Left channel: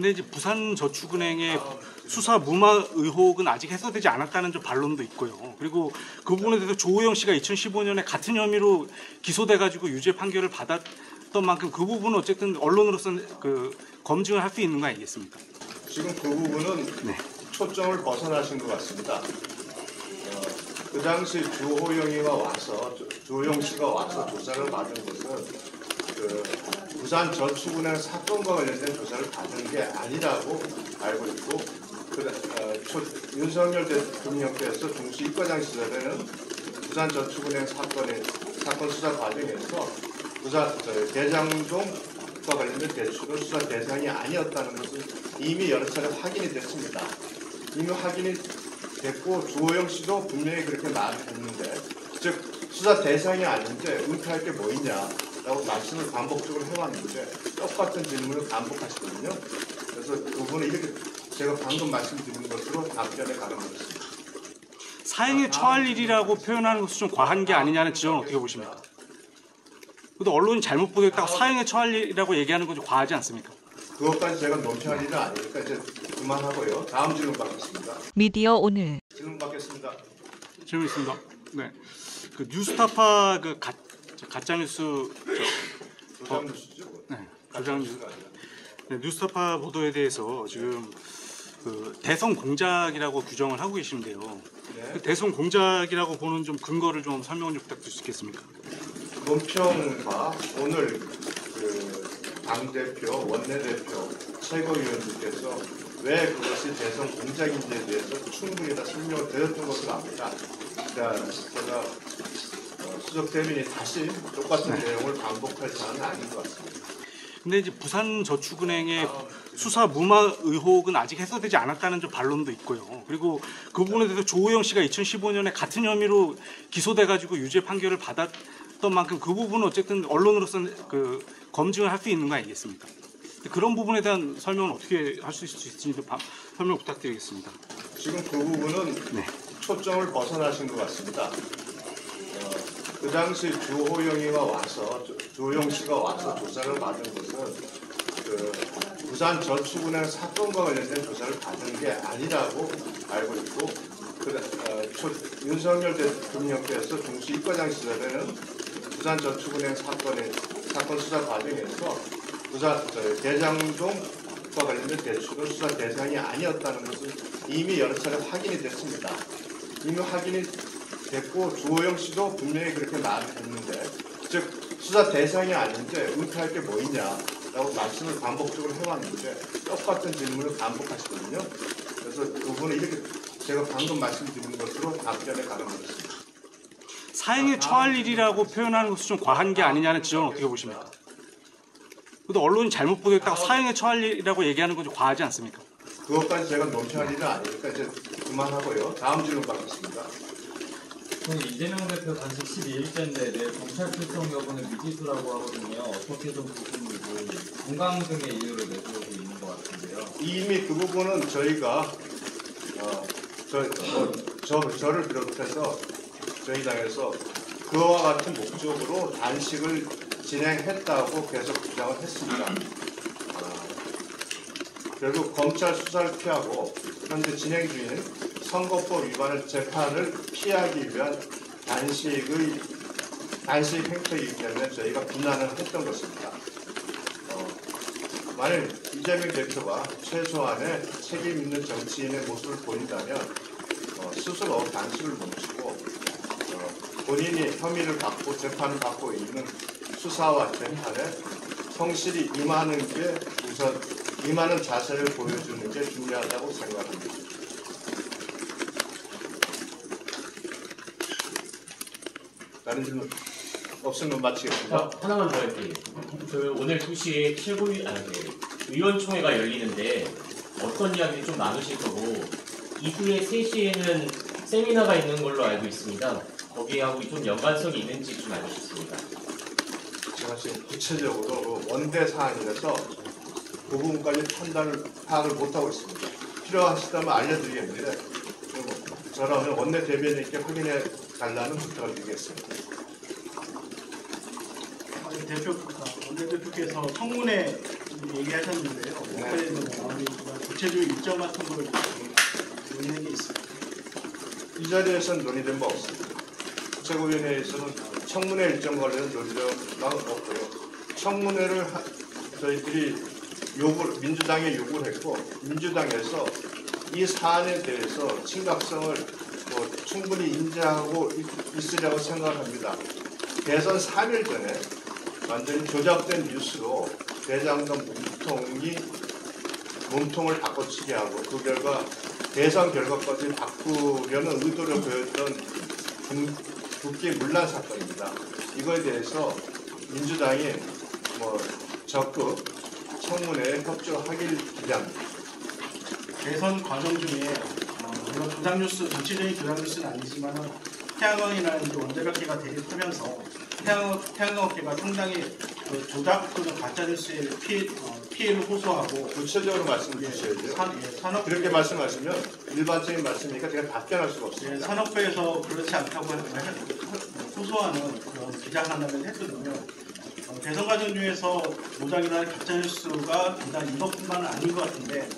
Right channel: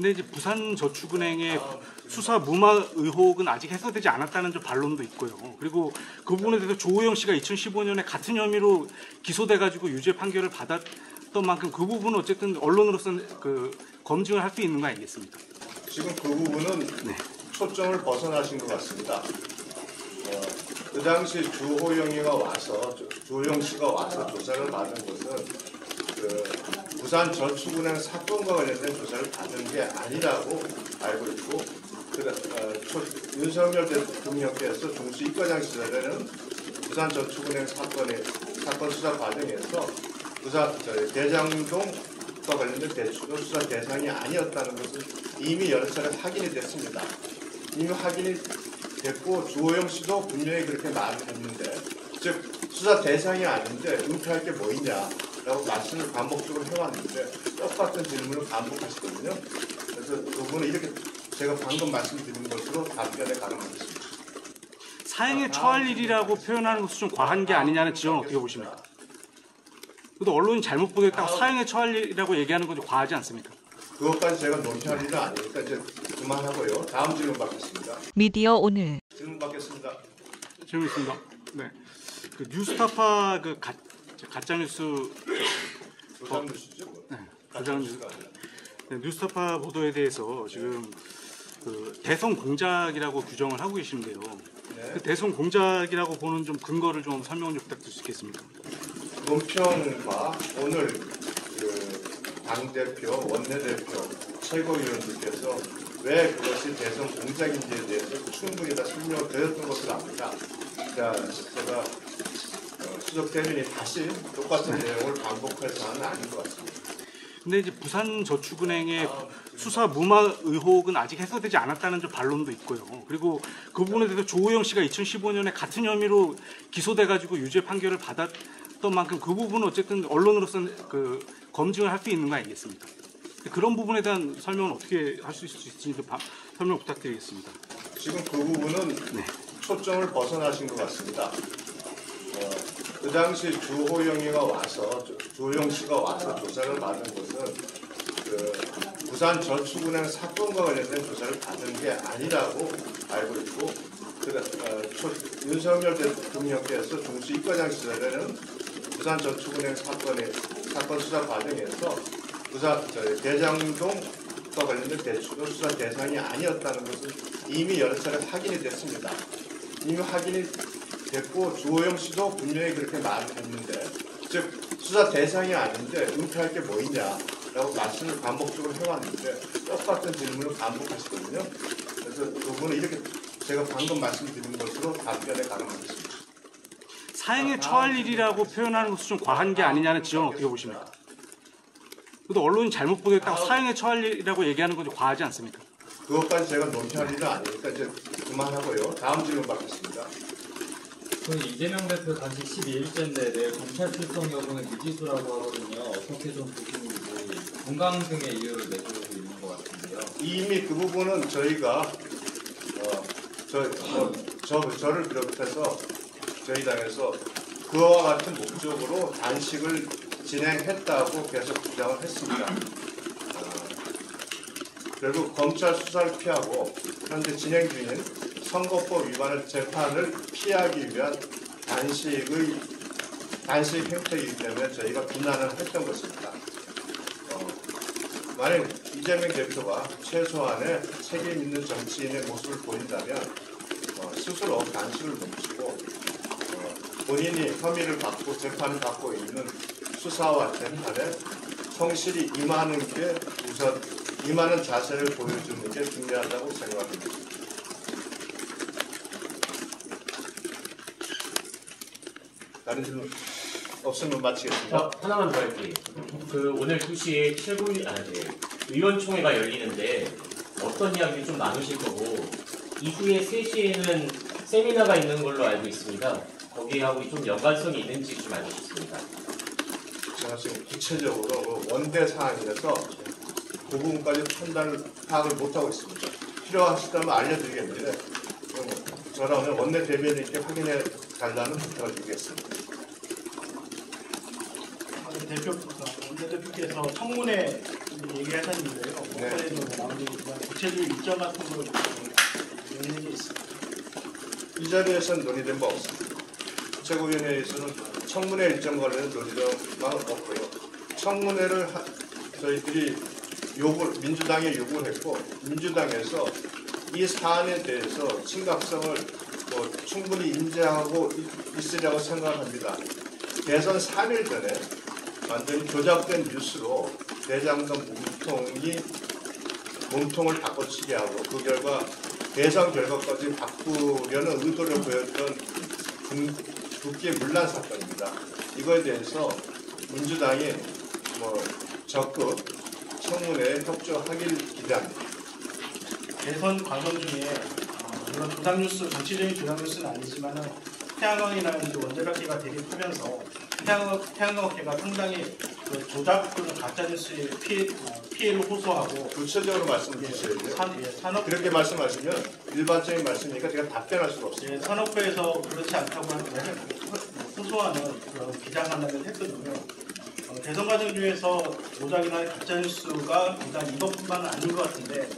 근데 이제 부산저축은행의 수사 무마 의혹은 아직 해소되지 않았다는 좀 반론도 있고요. 그리고 그 부분에 대해서 조우영 씨가 2015년에 같은 혐의로 기소돼가지고 유죄 판결을 받았던 만큼 그 부분은 어쨌든 언론으로서는 검증을 할 수 있는 거 아니겠습니까? 지금 그 부분은 네. 초점을 벗어나신 것 같습니다. 그 당시 조호영 씨가 와서 조사를 받은 것은 부산저축은행 사건과 관련된 조사를 받은 게 아니라고 알고 있고, 윤석열 대통령께서 중수 입과장 시절에는 부산저축은행 사건 수사 과정에서 대장동과 관련된 대출은 수사 대상이 아니었다는 것은 이미 여러 차례 확인이 됐습니다. 이미 확인이 됐고 조호영 씨도 분명히 그렇게 말했는데, 즉 수사 대상이 아닌데 은폐할 게 뭐 있냐라고 말씀을 반복적으로 해왔는데 똑같은 질문을 반복하시거든요. 그래서 그 부분은 이렇게 제가 방금 말씀드린 것으로 답변에 가름하겠습니다. 사형에 처할 일이라고 표현하는 것은 좀 과한 게 아니냐는 지적은 어떻게 보십니까? 그래도 언론이 잘못 보겠다고 사형에 처할 일이라고 얘기하는 건 좀 과하지 않습니까? 그것까지 제가 논의할 일은 아니니까 이제 그만하고요. 다음 질문 받겠습니다. 미디어 오늘. 질문 받겠습니다. 질문 있습니다. 네. 그 뉴스타파 가짜뉴스 조장뉴스죠? 네, 조장뉴스. 네, 뉴스타파 보도에 대해서 지금 대선 공작이라고 규정을 하고 계신데요. 네. 그 대선 공작이라고 보는 좀 근거를 좀 설명을 좀 부탁드릴 수 있겠습니까? 논평과 오늘 당대표, 원내대표, 최고위원님께서 왜 그것이 대선 공작인지에 대해서 충분히 다 설명을 드렸던 것으로 압니다. 제가 수석 대변인이 다시 똑같은 내용을 반복할 사안은 아닌 것 같습니다. 근데 이제 부산저축은행의 수사 무마 의혹은 아직 해소되지 않았다는 좀 반론도 있고요. 그리고 그 부분에 대해서 조우영 씨가 2015년에 같은 혐의로 기소돼가지고 유죄 판결을 받았던 만큼 그 부분은 어쨌든 언론으로서는 검증을 할 수 있는 거 아니겠습니까? 그런 부분에 대한 설명은 어떻게 할 수 있을지 설명 부탁드리겠습니다. 지금 그 부분은 네. 초점을 벗어나신 것 같습니다. 그 당시 조호영 씨가 와서 조사를 받은 것은 부산저축은행 사건과 관련된 조사를 받은 게 아니라고 알고 있고, 윤석열 대통령께서 중수 입과장 시절에는 부산저축은행 사건 수사 과정에서 대장동과 관련된 대출은 수사 대상이 아니었다는 것은 이미 여러 차례 확인이 됐습니다. 이미 확인이 됐고 조호영 씨도 분명히 그렇게 말했는데, 즉 수사 대상이 아닌데 은폐할 게 뭐 있냐라고 말씀을 반복적으로 해왔는데 똑같은 질문을 반복하시거든요. 그래서 그 부분은 이렇게 제가 방금 말씀드린 것으로 답변에 가름하겠습니다. 사형에 처할 일이라고 표현하는 것은 좀 과한 게 아니냐는 지적은 어떻게 보십니까? 그래도 언론이 잘못 보겠다고 사형에 처할 일이라고 얘기하는 건 좀 과하지 않습니까? 그것까지 제가 논의할 일은 아니니까 이제 그만하고요. 다음 질문 받겠습니다. 저는 이재명 대표 단식 12일째인데 내일 검찰 출석 여부는 미지수라고 하거든요. 어떻게 좀 보시는지 건강 등의 이유를 내세우고 있는 것 같은데요. 이미 그 부분은 저희가 저를 비롯해서 저희 당에서 그와 같은 목적으로 단식을 진행했다고 계속 주장을 했습니다. 결국 검찰 수사를 피하고 현재 진행 중인 선거법 위반을 재판을 피하기 위한 단식 행태이기 때문에 저희가 비난을 했던 것입니다. 만약 이재명 대표가 최소한의 책임 있는 정치인의 모습을 보인다면 스스로 단식을 멈추고 본인이 혐의를 받고 재판을 받고 있는 수사와 재판에 성실히 임하는 자세를 보여주는 게 중요하다고 생각합니다. 다른 질문 없으면 마치겠습니다. 하나만 더 할게요. 오늘 2시에 의원총회가 열리는데 어떤 이야기 좀 나누실 거고, 이후에 3시에는 세미나가 있는 걸로 알고 있습니다. 거기하고 좀 연관성이 있는지 좀 알려주십니다. 제가 지금 구체적으로 원대 사안이라서 그 부분까지 파악을 못하고 있습니다. 필요하시다면 알려드리겠는데 저라면 원내 대변인께 확인해 달라는 부탁을 드리겠습니다. 원내대표께서 청문회 얘기하셨는데요. 일정 같은 거를 논의된 게 있습니다. 이 자리에서는 논의된 바 없습니다. 최고위원회에서는 청문회 일정 관련은 논의된 바 없고요. 청문회를 저희들이 민주당에 요구를 했고, 민주당에서 이 사안에 대해서 심각성을 충분히 인지하고 있으려고 생각합니다. 대선 3일 전에 완전히 조작된 뉴스로 대장동 몸통을 바꿔치기 하고 그 결과 대선 결과까지 바꾸려는 의도를 보였던 국회 문란 사건입니다. 이거에 대해서 민주당이 적극 청문회에 협조하길 기대합니다. 대선 과정 중에 물론 조작뉴스, 전체적인 조작뉴스는 아니지만 태양광이라는 원자력계가 대립하면서 태양광업계가 상당히 조작 또는 가짜뉴스의 피해를 호소하고 구체적으로 말씀해 주셔야죠. 산업 그렇게 말씀하시면 일반적인 말씀이니까 제가 답변할 수가 없습니다. 산업부에서 그렇지 않다고 호소하는 그런 기자간담회를 했거든요. 대선 과정 중에서 조작이나 가짜뉴스가 비단 이것뿐만은 아닌 것 같은데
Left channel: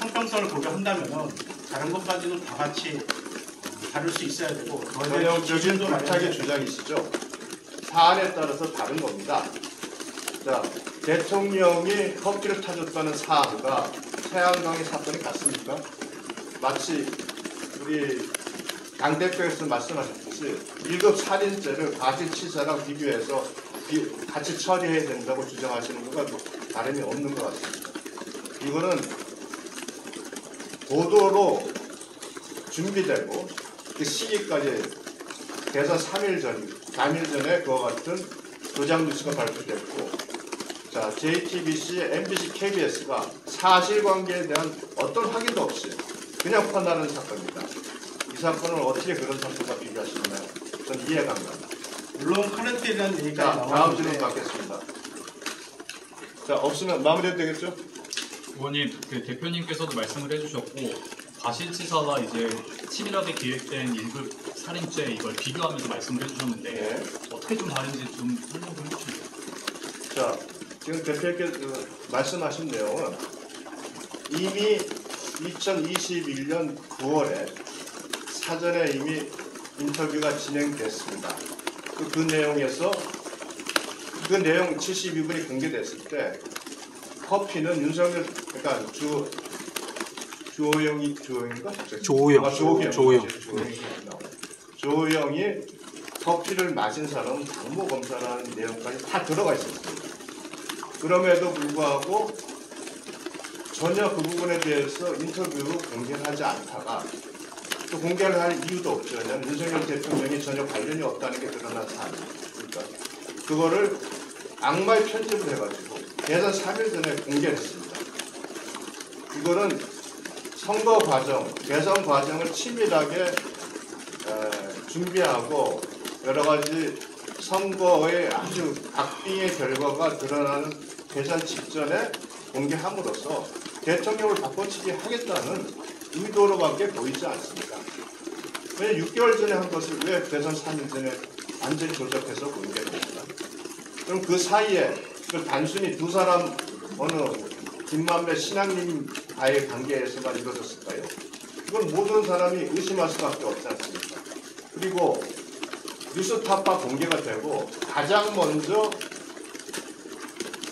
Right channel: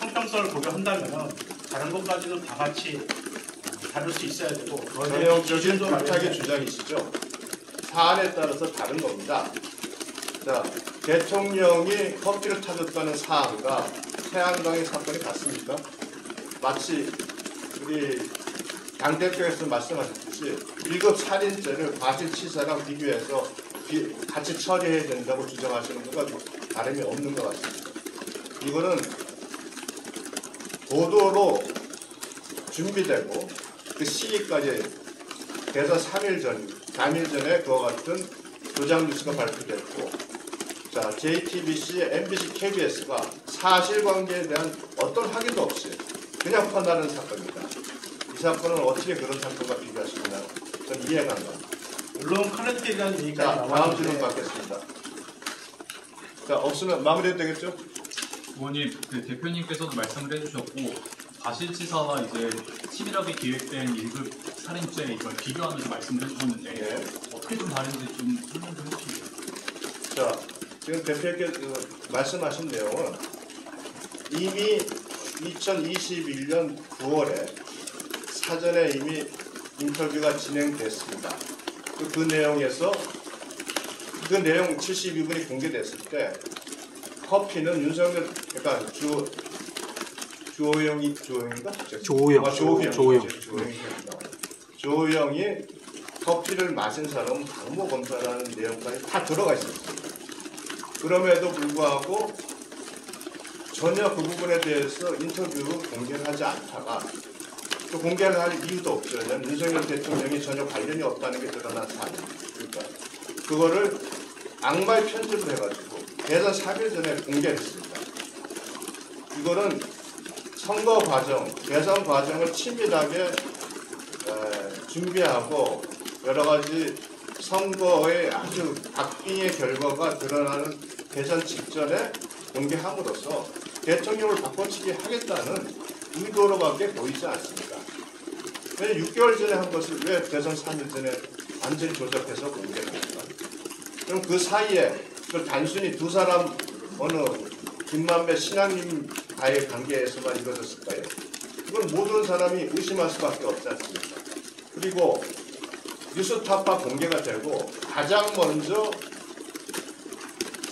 형평성을 고려한다면 다른 것까지도 다 같이 다룰 수 있어야 되고 전형적인 불타기 주장이시죠. 사안에 따라서 다른 겁니다. 자, 대통령이 커피를 타줬다는 사안과 태양광의 사건이 같습니까? 마치 우리 당대표에서 말씀하셨듯이 1급 살인죄를 과실치사랑 비교해서 같이 처리해야 된다고 주장하시는 것과 다름이 없는 것 같습니다. 이거는 보도로 준비되고 그 시기까지 대선 3일 전에 그와 같은 조작 뉴스가 발표됐고, 자, JTBC, MBC, KBS가 사실관계에 대한 어떤 확인도 없이 그냥 퍼나는 사건입니다. 이 사건은 어떻게 그런 사건과 비교하시나요? 전 이해가 안 갑니다. 물론 커넥트에 대한 얘기가 자, 다음 질문 받겠습니다. 자, 없으면 마무리해도 되겠죠? 의원님, 그 대표님께서도 말씀을 해주셨고 과실치사와 이제 치밀하게 기획된 1급 살인죄 이걸 비교하면서 말씀을 해주셨는데 네. 어떻게 좀 다른지 좀 설명 좀 해주세요. 자, 지금 대표께서 말씀하신 내용은 이미 2021년 9월에 사전에 이미 인터뷰가 진행됐습니다. 그 내용에서 그 내용 72분이 공개됐을 때 커피는 윤석열, 그러니까 조호영이 커피를 마신 사람은 당모 검사라는 내용까지 다 들어가 있었습니다. 그럼에도 불구하고 전혀 그 부분에 대해서 인터뷰를 공개하지 않다가 또 공개를 할 이유도 없죠. 윤석열 대통령이 전혀 관련이 없다는 게 드러난 사안입니다. 그러니까 그거를 악마의 편집을 해가지고 대선 3일 전에 공개했습니다. 이거는 선거 과정, 대선 과정을 치밀하게 준비하고 여러 가지 선거의 아주 박빙의 결과가 드러나는 대선 직전에 공개함으로써 대통령을 바꿔치기 하겠다는 의도로밖에 보이지 않습니다. 왜 6개월 전에 한 것을 왜 대선 3일 전에 완전히 조작해서 공개합니까? 그럼 그 사이에 그 단순히 두 사람 어느 김만배 신양님과의 관계에서만 이루어졌을까요? 그건 모든 사람이 의심할 수밖에 없지 않습니까? 그리고 뉴스타파 공개가 되고 가장 먼저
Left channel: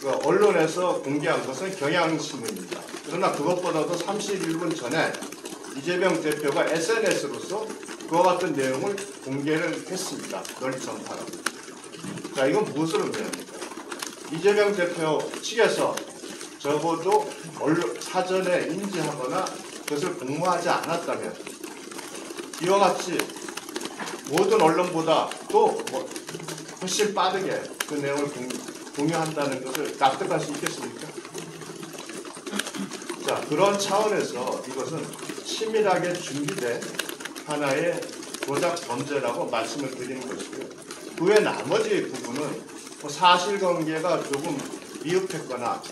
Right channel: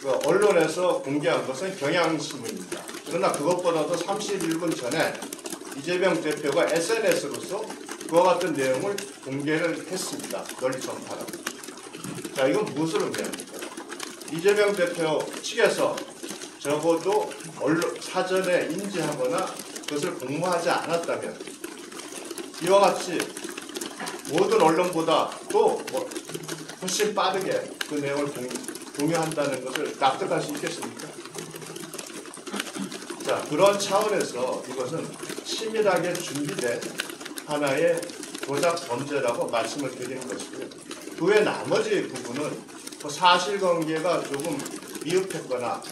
그 언론에서 공개한 것은 경향신문입니다. 그러나 그것보다도 31분 전에 이재명 대표가 SNS로서 그와 같은 내용을 공개를 했습니다. 널리 전파합니다. 자, 이건 무엇을 의미합니까? 이재명 대표 측에서 적어도 사전에 인지하거나 그것을 공모하지 않았다면 이와 같이 모든 언론보다 또 훨씬 빠르게 그 내용을 공유한다는 것을 납득할 수 있겠습니까? 자, 그런 차원에서 이것은 치밀하게 준비된 하나의 조작 범죄라고 말씀을 드리는 것이고요. 그 외 나머지 부분은 사실관계가 조금 미흡했거나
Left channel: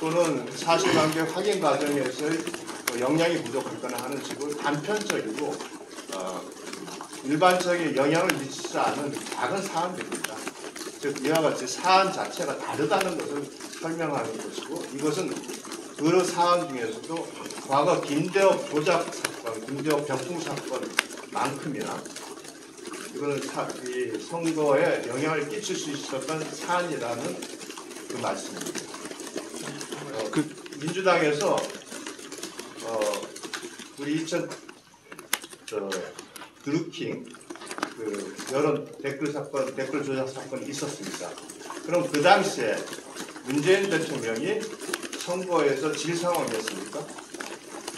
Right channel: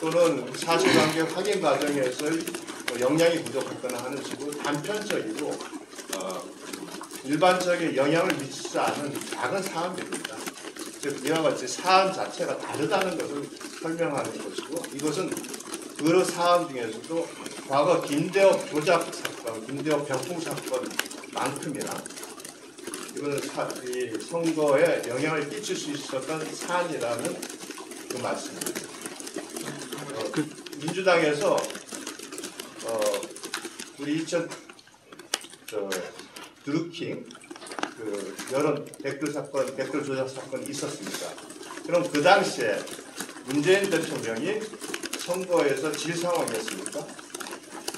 또는 사실관계 확인 과정에서의 영향이 부족했거나 하는 식으로 단편적이고 일반적인 영향을 미치지 않은 작은 사안들입니다. 즉 이와 같이 사안 자체가 다르다는 것을 설명하는 것이고 이것은 그 사안 중에서도 과거 김대엽 조작 사건, 김대엽 병풍 사건만큼이나 이거는 이 선거에 영향을 끼칠 수 있었던 사안이라는 그 말씀입니다. 민주당에서 우리 2000 드루킹 그 여론 댓글 사건, 댓글 조작 사건이 있었습니다. 그럼 그 당시에 문재인 대통령이 선거에서 질 상황이었습니까?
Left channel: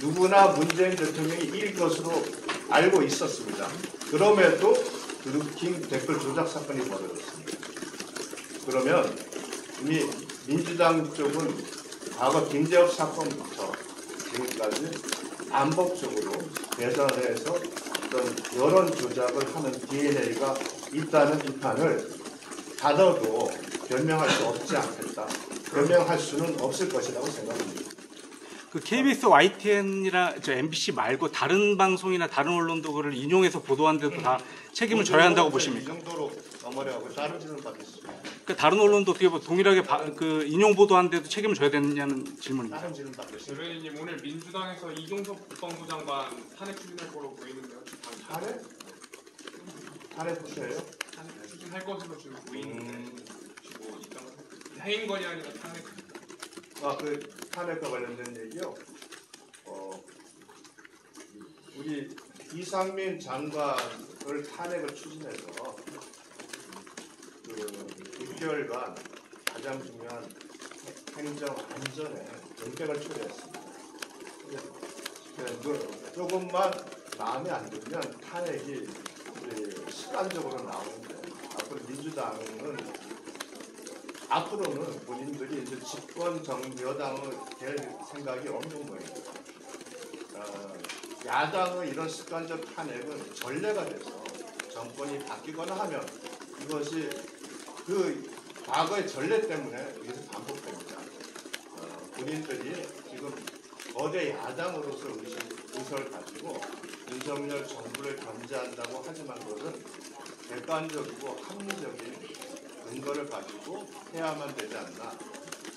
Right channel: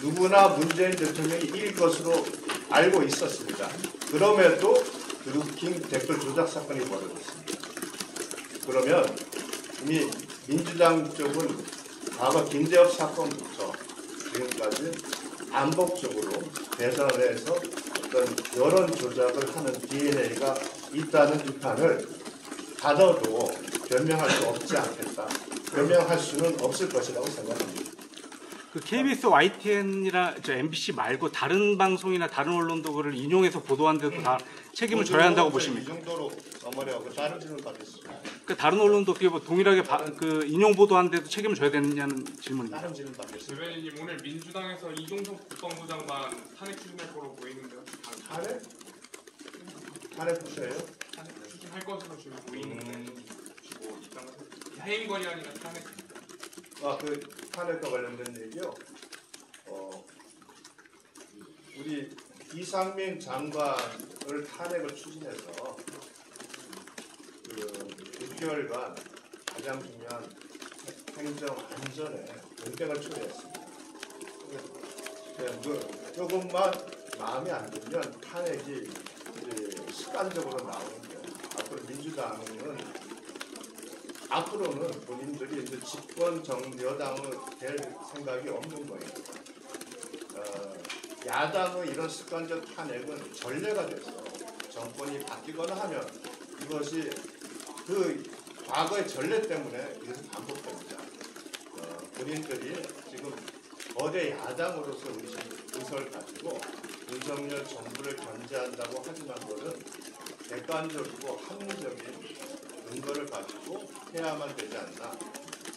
누구나 문재인 대통령이 이길 것으로 알고 있었습니다. 그럼에도 드루킹 댓글 조작 사건이 벌어졌습니다. 그러면 이미 민주당 쪽은 과거 김대엽 사건부터 지금까지 반복적으로 대선에서 어떤 여론 조작을 하는 DNA가 있다는 비판을 받아도 변명할 수 없지 않겠다. 변명할 수는 없을 것이라고 생각합니다. 그 KBS YTN이나 MBC 말고 다른 방송이나 다른 언론도 그를 인용해서 보도한 데도 다 책임을 져야 한다고 보십니까? 이 정도로 어머니하고 따르지는 받으시죠. 그러니까 다른 언론도 어떻게 동일하게 그 인용 보도한 데도 책임을 져야 되느냐는 질문입니다. 따르지는 받으시죠. 대변인님 오늘 민주당에서 이종석 국방부 장관 탄핵 추진할 거로 보이는데요. 탄핵? 탄핵 부셔요? 탄핵 추진할 것으로 지금 보이는데 해임건이 아니라 탄핵. 그 탄핵과 관련된 얘기요. 우리 이상민 장관을 탄핵을 추진해서 그 6개월간 가장 중요한 행정 안전에 경쟁을 처리했습니다. 조금만 마음에 안 들면 탄핵이 시간적으로 나오는데요. 앞으로 민주당은 앞으로는 본인들이 이제 집권 여당을 될 생각이 없는 거예요. 야당의 이런 습관적 탄핵은 전례가 돼서 정권이 바뀌거나 하면 이것이 그 과거의 전례 때문에 이것이 반복됩니다. 본인들이 지금 거대 야당으로서 의석을 가지고 윤석열 정부를 견제한다고 하지만 그것은 객관적이고 합리적인 근거를 가지고 해야만 되지 않나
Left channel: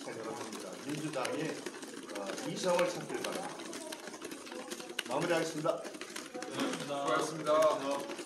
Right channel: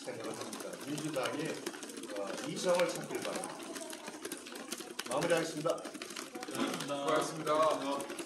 생각을 합니다. 민주당이 이성을 찾길 바랍니다. 마무리하겠습니다. 수고하셨습니다.